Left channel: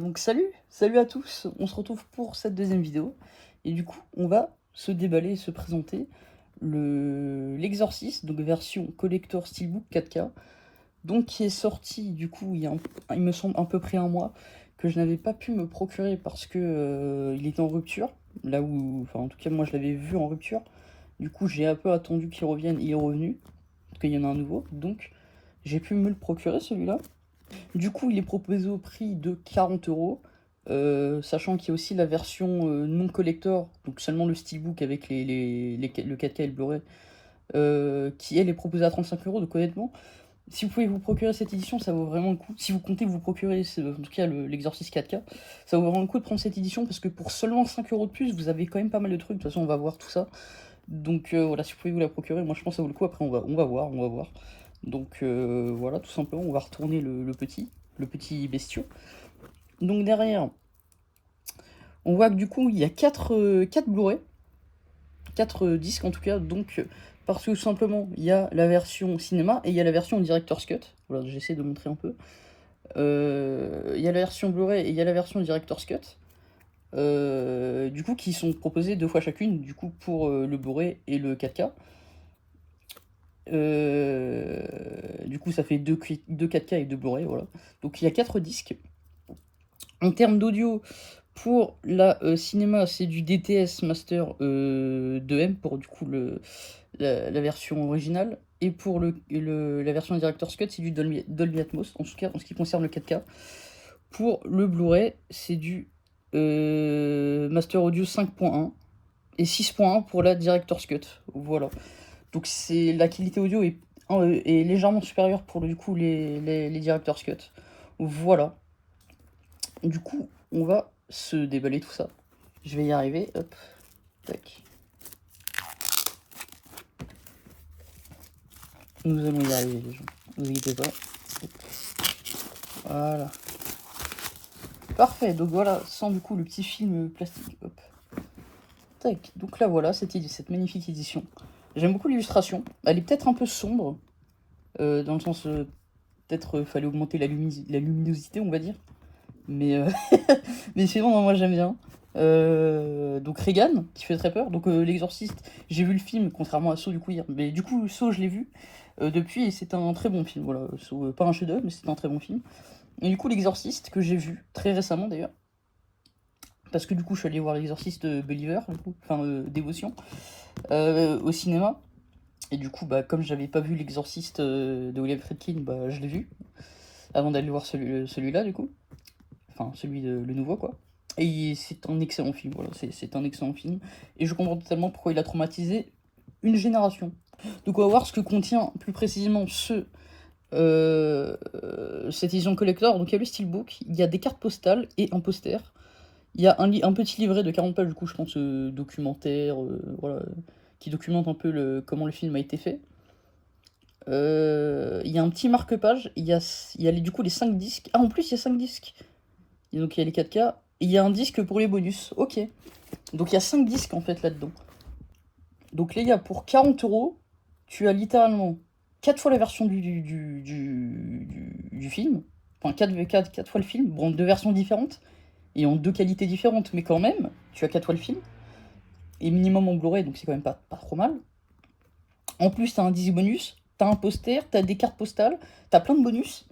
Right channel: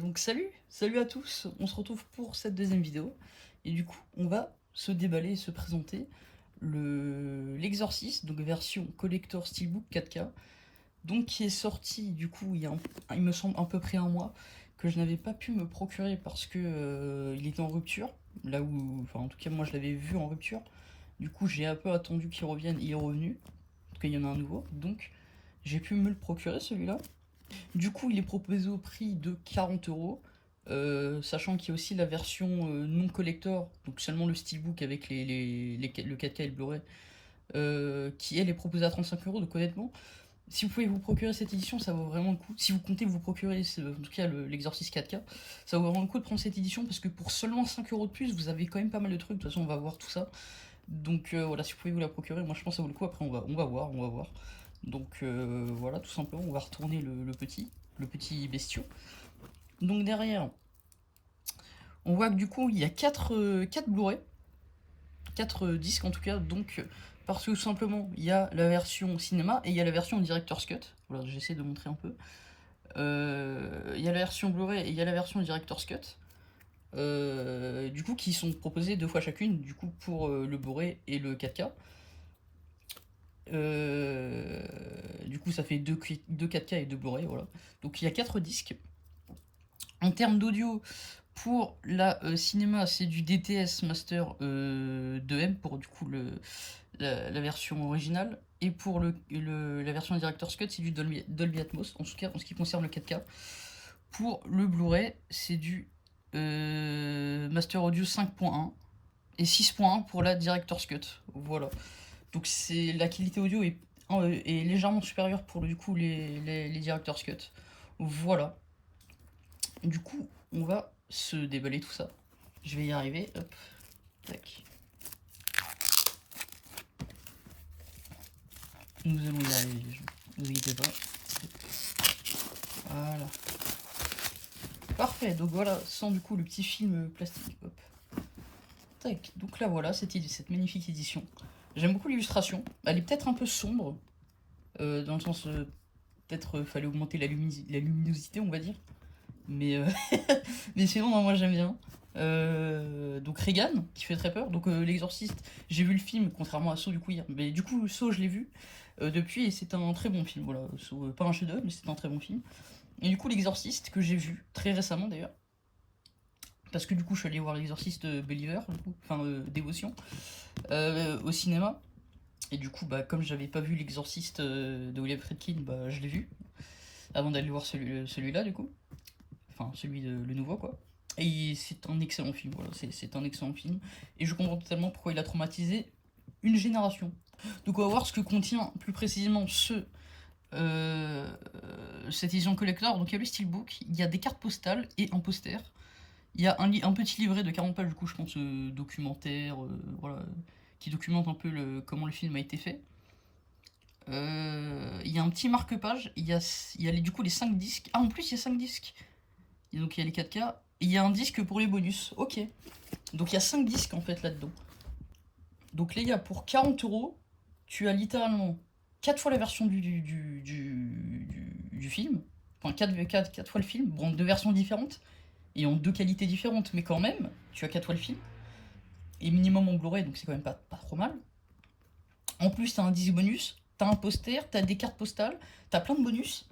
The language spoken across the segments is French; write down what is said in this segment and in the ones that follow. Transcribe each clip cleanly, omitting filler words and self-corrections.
donc salut à tous, on se retrouve pour cette deuxième vidéo. Et du coup, on va se déballer et se présenter l'Exorcist, donc version collector steelbook 4K, donc qui est sorti du coup il me semble à peu près un mois, que je n'avais pas pu me procurer parce que il était en rupture, là où, enfin en tout cas moi je l'avais vu en rupture. Du coup j'ai un peu attendu qu'il revienne, il est revenu, parce qu'il y en a un nouveau, donc j'ai pu me le procurer celui-là. Du coup, il est proposé au prix de 40 €, sachant qu'il y a aussi la version non collector, donc seulement le steelbook avec le 4K et le Blu-ray, qui elle est proposée à 35 €. Donc honnêtement, si vous pouvez vous procurer cette édition, ça vaut vraiment le coup. Si vous comptez vous procurer, en tout cas l'Exorcist 4K, ça vaut vraiment le coup de prendre cette édition parce que pour seulement 5 € de plus, vous avez quand même pas mal de trucs. De toute façon, on va voir tout ça. Donc voilà, si vous pouvez vous la procurer, moi je pense que ça vaut le coup. Après, on va voir. Donc voilà, tout simplement, on va retourner le petit bestiau. Donc derrière, on voit que du coup, il y a 4 Blu-ray, 4 disques en tout cas. Donc parce que tout simplement, il y a la version cinéma et il y a la version Director's Cut. Voilà, j'essaie de montrer un peu. Il y a la version Blu-ray et il y a la version Director's Cut. Du coup, qui sont proposées 2 fois chacune, du coup, pour le Blu-ray et le 4K. Du coup, ça fait 2 4K et 2 Blu-ray, voilà. Donc il y a 4 disques. En termes d'audio, pour la cinéma, c'est du DTS Master 2M pour du coup la version originale. Et pour la version Director's Cut, c'est du Dolby Atmos, en tout cas en ce qui concerne le 4K. Pour le Blu-ray, c'est du Master Audio 5.1 et 6.1 pour la Director's Cut. Voilà. Donc la qualité audio est légèrement supérieure pour du coup les Director's Cut. Voilà. Du coup, on va se déballer tout ça. Je vais y arriver. Hop. Tac. Nous allons y arriver, les gens. Ne vous inquiétez pas. Voilà. Parfait. Donc voilà, sans du coup le petit film plastique. Hop. Tac. Donc là voilà, cette magnifique édition. J'aime beaucoup l'illustration. Elle est peut-être un peu sombre. Dans le sens... peut-être fallait augmenter la luminosité, on va dire. Mais, mais sinon, moi j'aime bien. Donc Regan, qui fait très peur. Donc L'Exorciste, j'ai vu le film, contrairement à Saw du coup hier. Mais du coup, Saw, je l'ai vu depuis et c'est un très bon film. Voilà, Saw, pas un chef-d'œuvre, mais c'est un très bon film. Et du coup, L'Exorciste, que j'ai vu très récemment d'ailleurs. Parce que du coup, je suis allé voir L'Exorciste Believer, du coup, enfin Dévotion, au cinéma. Et du coup, bah, comme j'avais pas vu L'Exorciste de William Friedkin, bah, je l'ai vu avant d'aller voir celui-là, du coup. Enfin, le nouveau, quoi. Et c'est un excellent film, voilà, c'est un excellent film. Et je comprends totalement pourquoi il a traumatisé une génération. Donc on va voir ce que contient plus précisément cette édition collector. Donc il y a le steelbook, il y a des cartes postales et un poster. Il y a un petit livret de 40 pages, du coup je pense documentaire, voilà, qui documente un peu comment le film a été fait. Il y a un petit marque-page, du coup les 5 disques. Ah, en plus il y a 5 disques. Et donc il y a les 4K, et il y a un disque pour les bonus. Ok. Donc il y a 5 disques en fait là-dedans. Donc les gars, pour 40 €, tu as littéralement 4 fois la version du film. Enfin 4 fois le film, bon, en 2 versions différentes, et en 2 qualités différentes, mais quand même, tu as 4 fois le film. Et minimum en Blu-ray, donc c'est quand même pas trop mal. En plus, t'as un disque bonus, t'as un poster, t'as des cartes postales, t'as plein de bonus.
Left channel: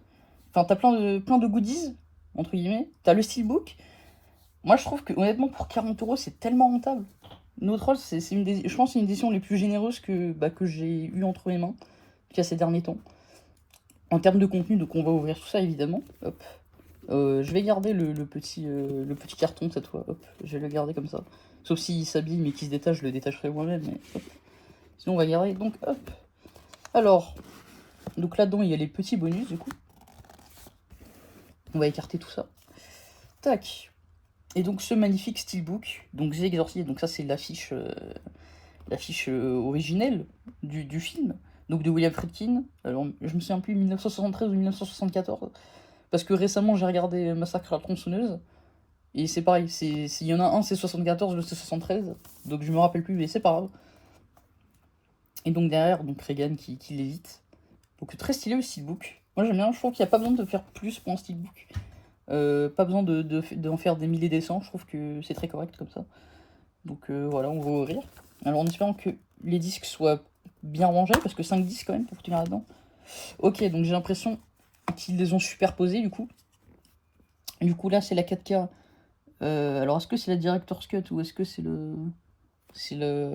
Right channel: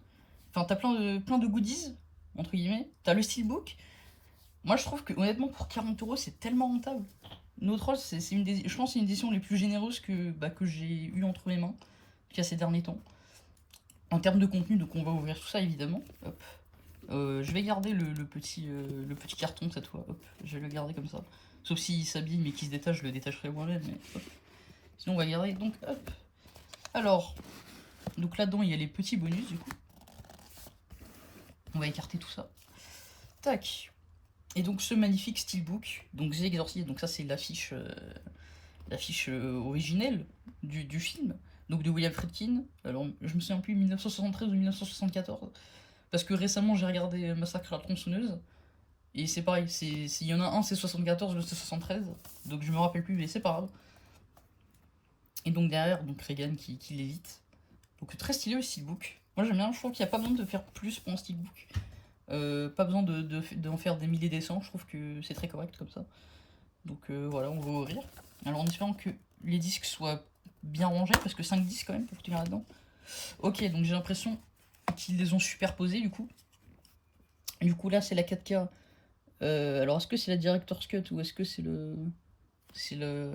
Enfin, t'as plein de goodies, entre guillemets. T'as le steelbook. Moi, je trouve que honnêtement, pour 40 €, c'est tellement rentable. No Troll, je pense que c'est une édition les plus généreuses que j'ai eu entre les mains, qu'il y a ces derniers temps. En termes de contenu, donc on va ouvrir tout ça évidemment. Hop. Je vais garder le petit carton cette fois. Hop. Je vais le garder comme ça. Sauf s'il s'abîme et qu'il se détache, je le détacherai moi-même. Mais hop. Sinon, on va garder. Donc, hop. Alors, donc là-dedans, il y a les petits bonus du coup. On va écarter tout ça. Tac. Et donc ce magnifique steelbook, donc The Exorcist, donc ça c'est l'affiche originelle du film, donc de William Friedkin. Alors je me souviens plus 1973 ou 1974, parce que récemment j'ai regardé Massacre à la tronçonneuse, et c'est pareil, s'il y en a un c'est 74, l'autre c'est 73, donc je me rappelle plus, mais c'est pas grave. Et donc derrière, donc Regan qui l'évite. Donc très stylé le steelbook. Moi j'aime bien, je trouve qu'il n'y a pas besoin de faire plus pour un steelbook. Pas besoin d'en faire des milliers des cents, je trouve que c'est très correct comme ça. Donc voilà, on va ouvrir. Alors en espérant que les disques soient bien rangés, parce que 5 disques quand même pour tenir là-dedans. Ok, donc j'ai l'impression qu'ils les ont superposés du coup. Du coup là c'est la 4K. Alors est-ce que c'est la Director's Cut ou est-ce que c'est le...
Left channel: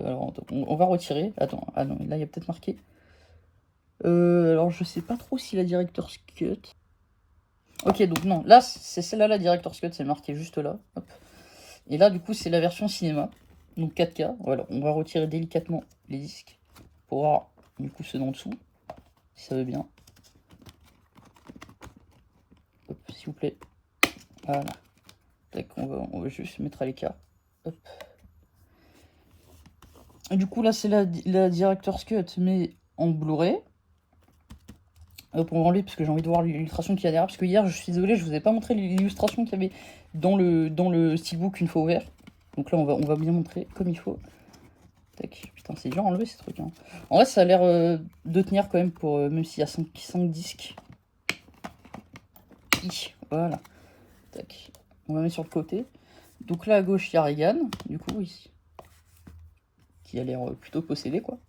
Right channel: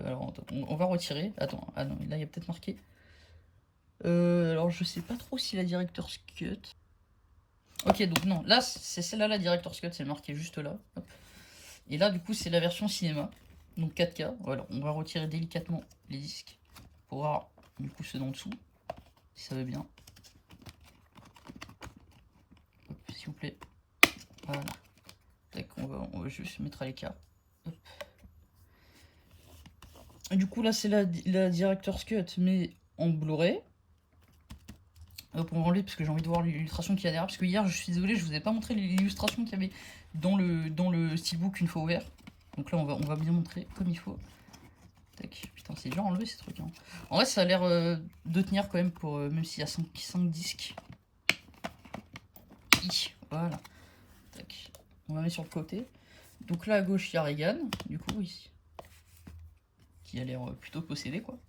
Alors attends, on va retirer. Attends, ah non, là il y a peut-être marqué. Alors je sais pas trop si la Director's Cut... Ok, donc non, là c'est celle-là la Director's Cut, c'est marqué juste là. Hop. Et là du coup c'est la version cinéma. Donc 4K, voilà, on va retirer délicatement les disques pour voir du coup ceux d'en dessous, si ça veut bien. S'il vous plaît. Voilà. Tac, on va juste mettre à l'écart. Hop. Et du coup là c'est la Director's Cut mais en Blu-ray. Hop, on va enlever parce que j'ai envie de voir l'illustration qu'il y a derrière. Parce que hier, je suis désolé, je vous ai pas montré l'illustration qu'il y avait dans le steelbook une fois ouvert. Donc là, on va bien montrer comme il faut. Tac. Putain, c'est dur à enlever ces trucs. Hein. En vrai, ça a l'air de tenir quand même, pour même s'il y a 5 disques. Voilà. Tac. On va mettre sur le côté. Donc là, à gauche, il y a Reagan, du coup, ici. Qui a l'air plutôt possédé, quoi.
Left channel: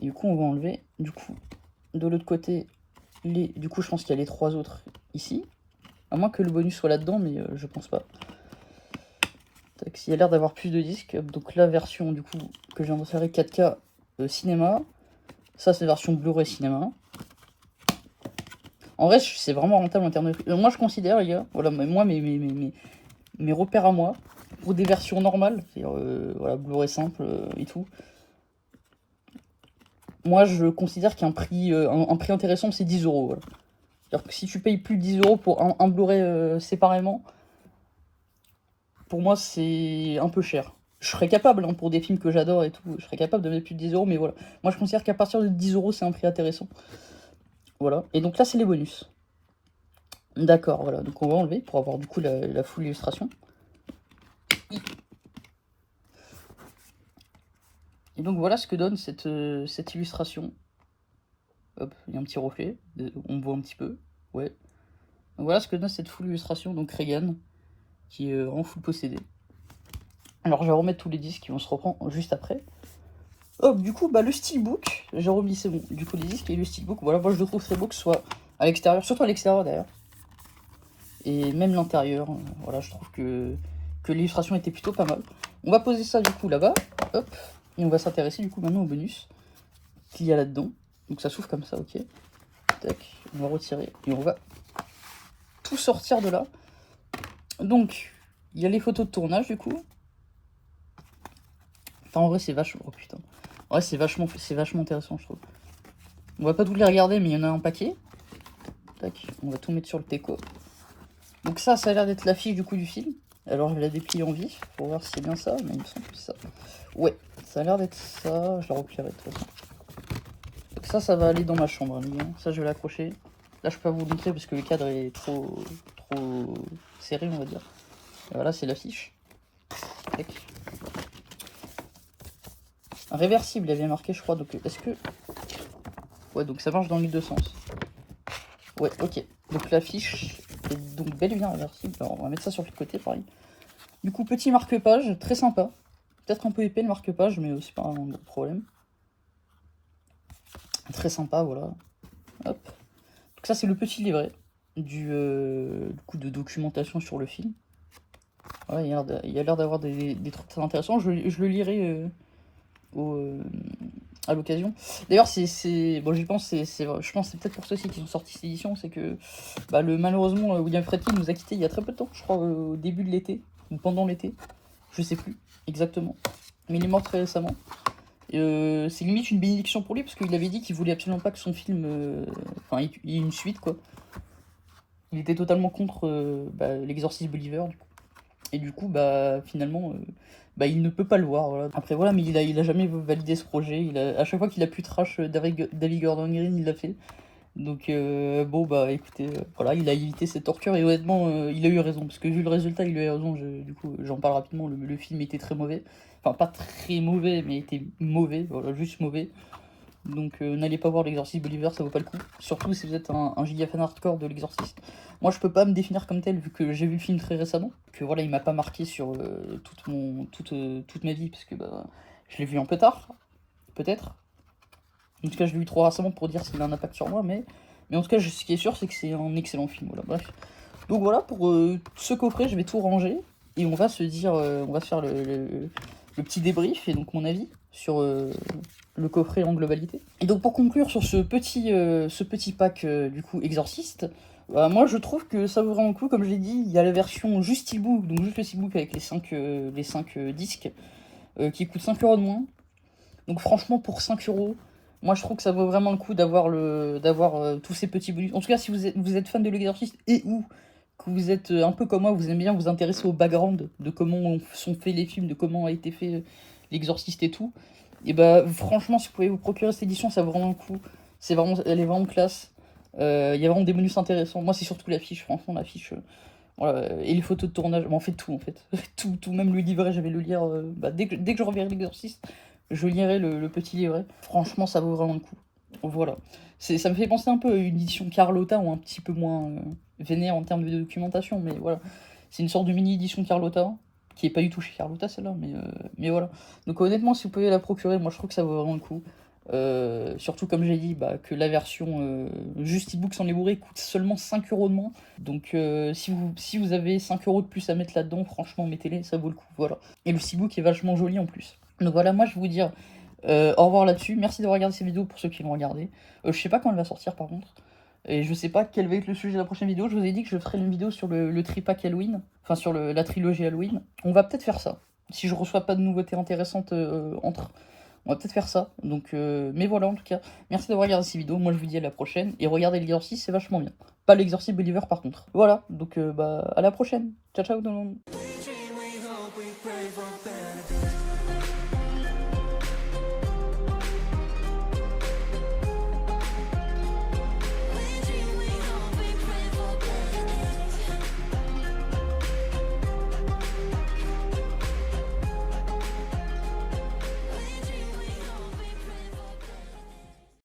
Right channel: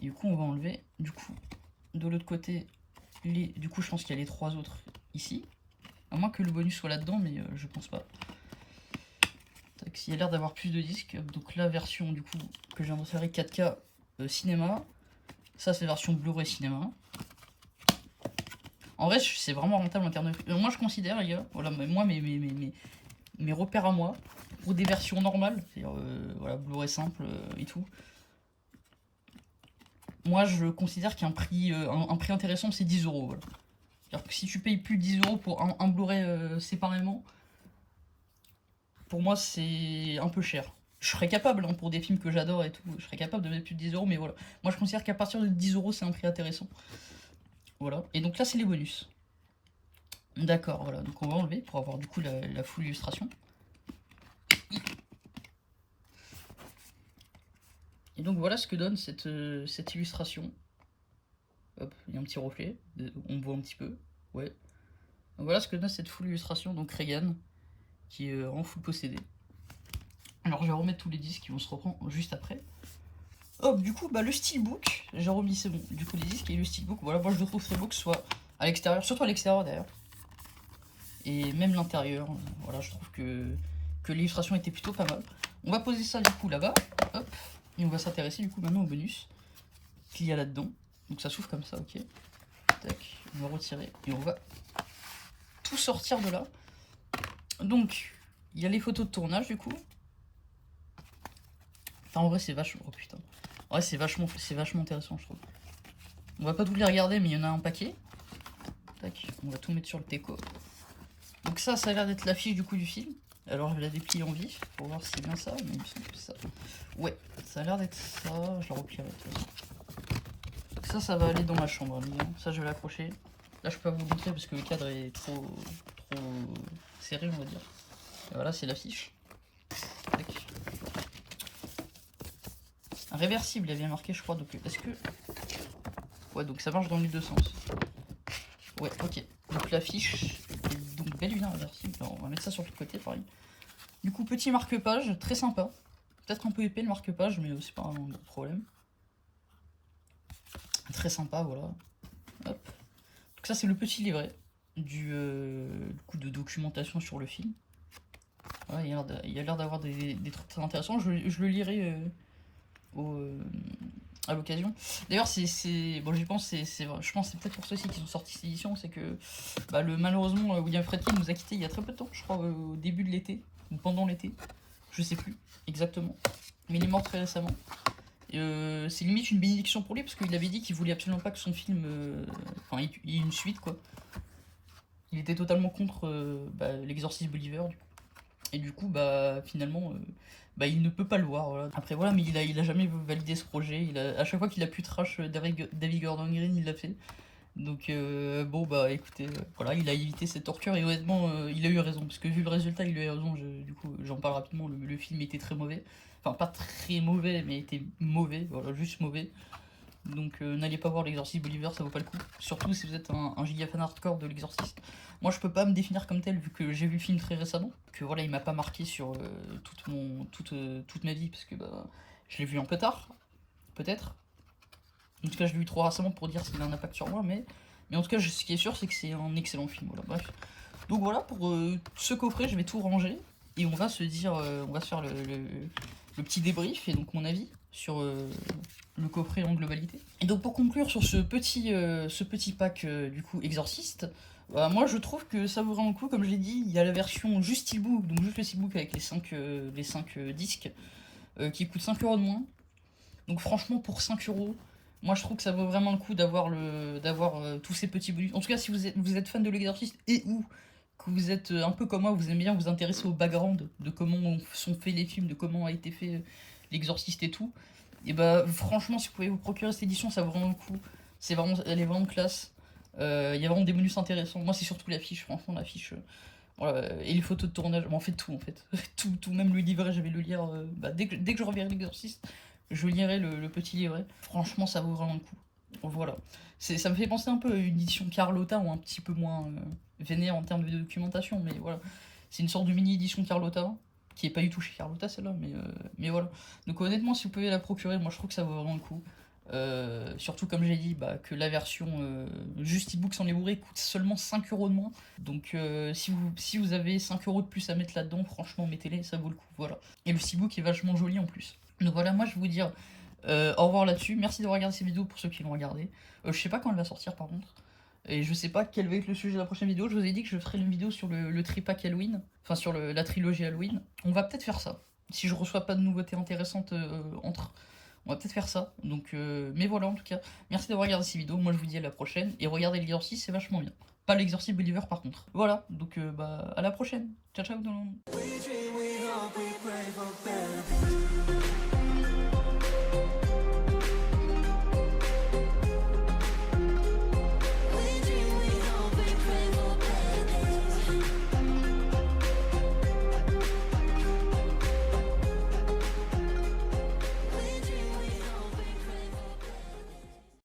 Et du coup, on va enlever. Du coup, de l'autre côté, du coup, je pense qu'il y a les 3 autres ici. À moins que le bonus soit là-dedans, mais je pense pas. Tac, il y a l'air d'avoir plus de disques. Donc la version du coup que j'ai inséré 4K cinéma. Ça c'est version Blu-ray cinéma. En vrai c'est vraiment rentable en termes de... moi je considère les gars, voilà, moi mes repères à moi, pour des versions normales, c'est-à-dire voilà, Blu-ray simple et tout. Moi je considère qu'un prix, un prix intéressant c'est 10 euros. Voilà. C'est-à-dire que si tu payes plus de 10 euros pour un Blu-ray séparément, pour moi c'est un peu cher. Je serais capable, hein, pour des films que j'adore et tout, je serais capable de mettre plus de 10 euros, mais voilà. Moi je considère qu'à partir de 10 euros c'est un prix intéressant. Voilà, et donc là c'est les bonus. D'accord, voilà, donc on va enlever pour avoir du coup la full illustration. Et donc voilà ce que donne cette illustration. Hop, il y a un petit reflet, on voit un petit peu, ouais. Donc voilà ce que donne cette full illustration, donc Reagan, qui est en full possédé. Alors je vais remettre tous les disques et on se reprend juste après. Hop, du coup, bah le steelbook, j'ai remis, c'est bon, du coup les disques et le steelbook, voilà, moi je le trouve très beau que ce soit à l'extérieur, surtout à l'extérieur d'ailleurs. Et même l'intérieur, voilà, je trouve que l'illustration était plutôt pas mal. On va poser ça du coup là-bas, hop, et on va s'intéresser du coup maintenant au bonus qu'il y a là-dedans. Donc ça s'ouvre comme ça, ok. Tac, on va retirer et on va tout sortir de là. Donc, il y a les photos de tournage du coup. Enfin en vrai c'est vachement... Oh putain. En vrai c'est vachement intéressant je trouve. On va pas tous les regarder mais il y en a un paquet. Tac, on va tout mettre sur le teco. Donc ça a l'air d'être l'affiche du coup du film. Alors je vais la déplier en vif pour voir si c'est bien ça. Non, il me semble que c'est ça. Ouais, ça a l'air d'être ça. Je la replierai de toute façon. Donc ça va aller dans ma chambre. Hein. Ça je vais l'accrocher. Là je peux pas vous le montrer parce que le cadre est trop serré on va dire. Et voilà c'est l'affiche. Un réversible, il y avait marqué je crois. Donc est-ce que... Ouais donc ça marche dans les deux sens. Ouais ok. Donc l'affiche est donc bel et bien réversible. Alors on va mettre ça sur le côté pareil. Du coup, petit marque-page, très sympa. Peut-être un peu épais le marque-page, mais c'est pas un problème. Très sympa, voilà. Hop. Donc ça, c'est le petit livret du coup de documentation sur le film. Voilà, il y a l'air d'avoir des trucs très intéressants. Je le lirai à l'occasion. D'ailleurs, bon, je pense que c'est peut-être pour ceux-ci qui sont sortis cette édition, c'est que bah, malheureusement, William Friedkin nous a quittés il y a très peu de temps, je crois, au début de l'été, ou pendant l'été, je sais plus exactement, mais il est mort très récemment. C'est limite une bénédiction pour lui, parce qu'il avait dit qu'il voulait absolument pas que son film, enfin, il y ait une suite, quoi. Il était totalement contre l'exorcisme Believer, du coup. Et du coup, bah, finalement, il ne peut pas le voir. Voilà. Après, voilà, mais il a jamais validé ce projet. À chaque fois qu'il a pu trash David Gordon Green, il l'a fait. Donc, bon, bah, écoutez, voilà, il a évité cette torture et honnêtement, il a eu raison. Parce que vu le résultat, il a eu raison. Du coup, j'en parle rapidement. Le film était très mauvais. Enfin, pas très mauvais, mais était mauvais. Voilà, juste mauvais. Donc n'allez pas voir l'exorciste Believer, ça vaut pas le coup. Surtout si vous êtes un giga fan hardcore de l'exorciste. Moi je peux pas me définir comme tel vu que j'ai vu le film très récemment. Que voilà, il m'a pas marqué sur toute ma vie parce que bah, je l'ai vu un peu tard, peut-être. En tout cas je l'ai vu trop récemment pour dire s'il a un impact sur moi, mais en tout cas ce qui est sûr c'est que c'est un excellent film. Voilà, bref. Donc voilà, pour ce coffret je vais tout ranger et on va se dire, on va se faire le petit débrief et donc mon avis sur le coffret en globalité. Et donc pour conclure sur ce petit pack du coup Exorciste, moi je trouve que ça vaut vraiment le coup. Comme j'ai dit, il y a la version juste steelbook, donc juste le steelbook avec les 5 disques qui coûte 5 € de moins. Donc franchement pour 5 €, moi je trouve que ça vaut vraiment le coup d'avoir tous ces petits bonus. En tout cas si vous êtes fan de l'exorciste et ou que vous êtes un peu comme moi, vous aimez bien vous intéresser au background de comment sont faits les films, de comment a été fait l'exorciste et tout. Et bah franchement si vous pouvez vous procurer cette édition, ça vaut vraiment le coup. Elle est vraiment classe. Il y a vraiment des bonus intéressants. Moi c'est surtout l'affiche, franchement l'affiche. Voilà, et les photos de tournage, bon, en fait tout en fait. tout, même le livret, j'avais le lire. Dès que je reverrai l'exorciste, je lirai le petit livret. Franchement ça vaut vraiment le coup. Voilà. Ça me fait penser un peu à une édition Carlotta ou un petit peu moins vénère en termes de documentation, mais voilà. C'est une sorte de mini édition Carlotta, qui est pas du tout chez Carlotta celle-là, mais voilà. Donc honnêtement, si vous pouvez la procurer, moi je trouve que ça vaut vraiment le coup. Surtout comme j'ai dit, bah, que la version juste e-book sans les bourrés coûte seulement 5 € de moins. Donc si vous avez 5 € de plus à mettre là-dedans, franchement mettez-les, ça vaut le coup. Voilà. Et le e-book est vachement joli en plus. Donc voilà, moi je vais vous dire au revoir là-dessus. Merci d'avoir regardé cette vidéo pour ceux qui l'ont regardé. Je sais pas quand elle va sortir par contre. Et je sais pas quel va être le sujet de la prochaine vidéo. Je vous ai dit que je ferai une vidéo sur le tripack Halloween. Enfin sur la trilogie Halloween. On va peut-être faire ça. Si je reçois pas de nouveautés intéressantes entre. On va peut-être faire ça. Donc, mais voilà en tout cas. Merci d'avoir regardé cette vidéo. Moi je vous dis à la prochaine. Et regardez l'exorciste, c'est vachement bien. Pas l'exorciste Believer par contre. Voilà. Donc bah à la prochaine. Ciao ciao tout le monde.